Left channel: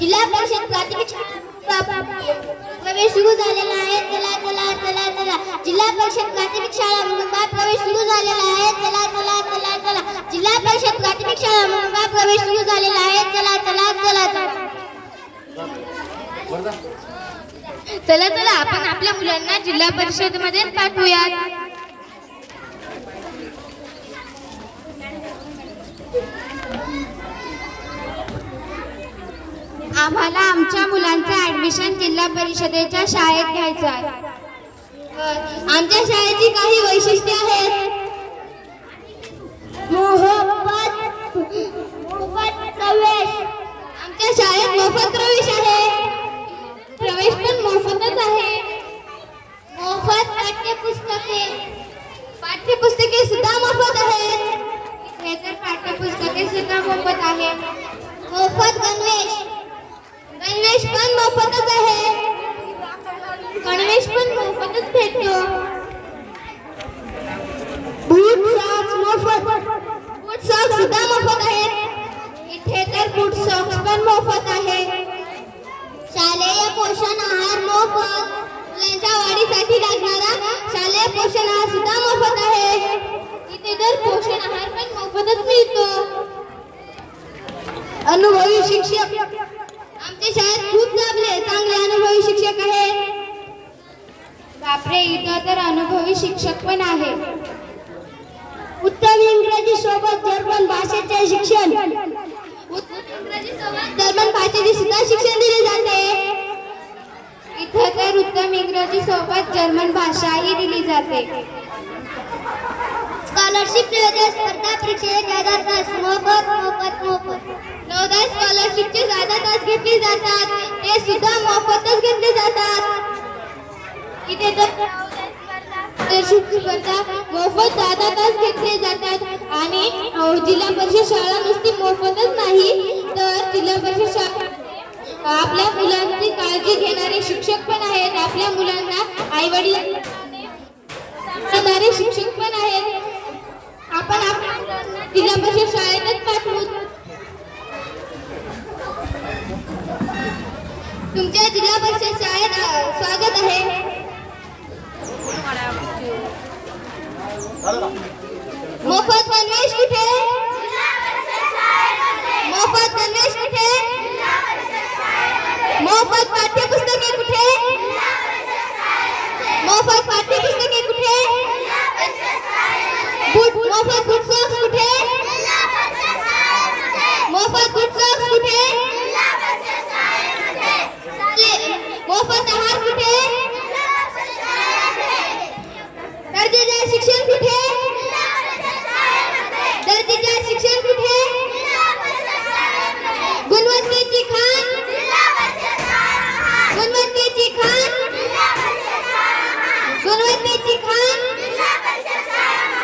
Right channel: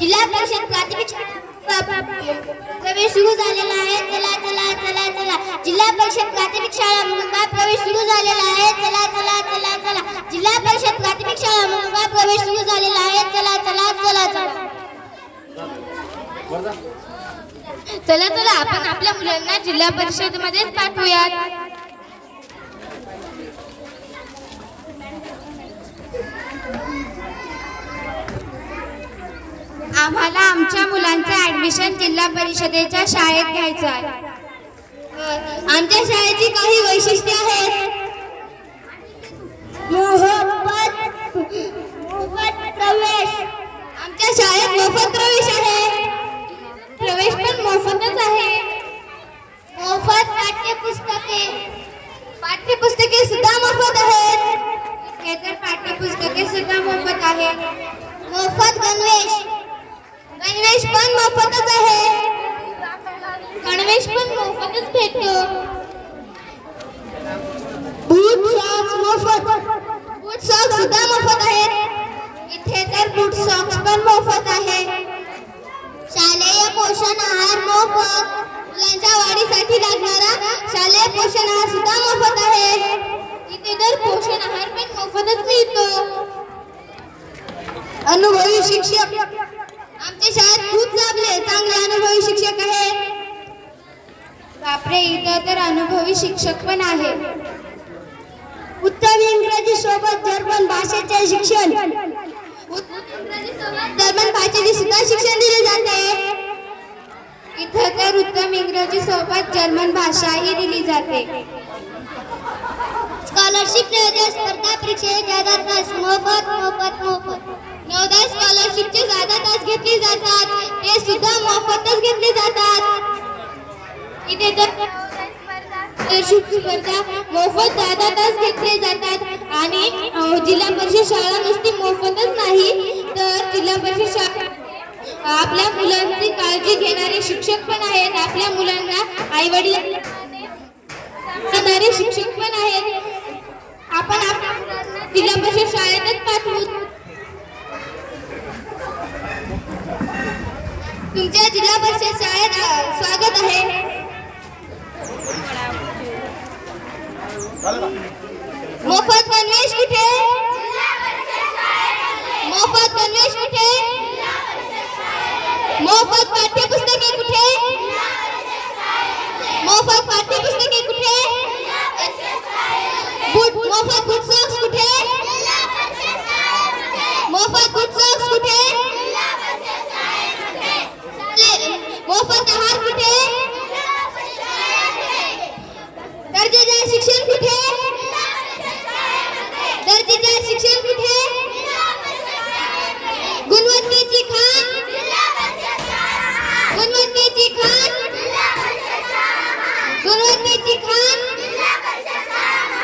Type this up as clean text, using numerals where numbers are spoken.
जिल्हा परिषद प्राथमिक शाळा प्रवेश सुरू झालेला आहे. चला चला चला चला. जिल्हा परिषद प्राथमिक शाळा मुंबई प्रवेश सुरू झालेला आहे. चला चला चला चला. जिल्हा परिषद प्राथमिक शाळा मुंबई प्रवेश सुरू झालेला आहे. चला चला चला चला. चला चला आपण आपल्या मुलांना जिल्हा परिषद मध्येच पाठवूयात. आम्हाला आमच्या मुलांचे ऍडमिशन जिल्हा परिषदेच्या शाळेत घ्यायचं आहे. आमच्या शाळेची काही वैशिष्ट्ये आहेत. मोफत प्रवेश. आमच्या शाळेत मोफत प्रवेश आहे. प्रवेश पण मोफतच आहे. मोफत पाठ्यपुस्तके सुद्धा मोफत आहेत. हे तर पाठ्यपुस्तके सुद्धा मोफत आहेत. मोफत गणवेश पण मोफतच आहे. गणवेश पण मोफतच भेटतो. बूट सॉक्स सुद्धा मोफत आहेत. इथे तर बूट सॉक्स पण मोफत आहे. शालेय पोषण आहार मोफत. मुलांच्या वाढीसाठी लागणारा शालेय पोषण आहार सुद्धा मोफत आहे. इथे तर पोषण आहार पण मोफतच मिळतो. अनुभवी शिक्षक. आमच्या शाळेत खूप चांगले अनुभवी शिक्षक आहेत. बापरे, इथं तर अनुभवी शिक्षक पण आहे. उत्तम इंग्रजी सोबत जर्मन भाषेचे शिक्षण. जर्मन भाषेचे सुद्धा शिक्षण दिले जाते. इथं तर उत्तम इंग्रजी सोबत जर्मन भाषाही दिली जाते. स्कॉलरशिप स्पर्धा परीक्षेत तास मोफत. नवोदय स्कॉलरशिपचे 14 तास घेतले जातात. ते सुद्धा मोफतच घेतले जातात. इथे तर स्पर्धा मोफत 14 तास घेतले जातात. आणि जिल्हा परिषद शाळा नुसती मोफतच नाही तर जिल्हा परिषद शाळा आपल्या मुलांची काळजी घेणारे शिक्षक पण आहेत. आपल्या मुलांना आईवडील सांभाळणारे शिक्षक पण आहेत. आपण आपल्या मुलांना जिल्हा परिषद शाळेतच पाठवू. तुमच्या जिल्हा परिषद शाळेत स्वागत आहे. मोफत गणवेश कुठे? मोफत गणवेश कुठे? मोफत पाठ्यपुस्तके कुठे? मोफत पाठ्यपुस्तके कुठे? मोफत बूट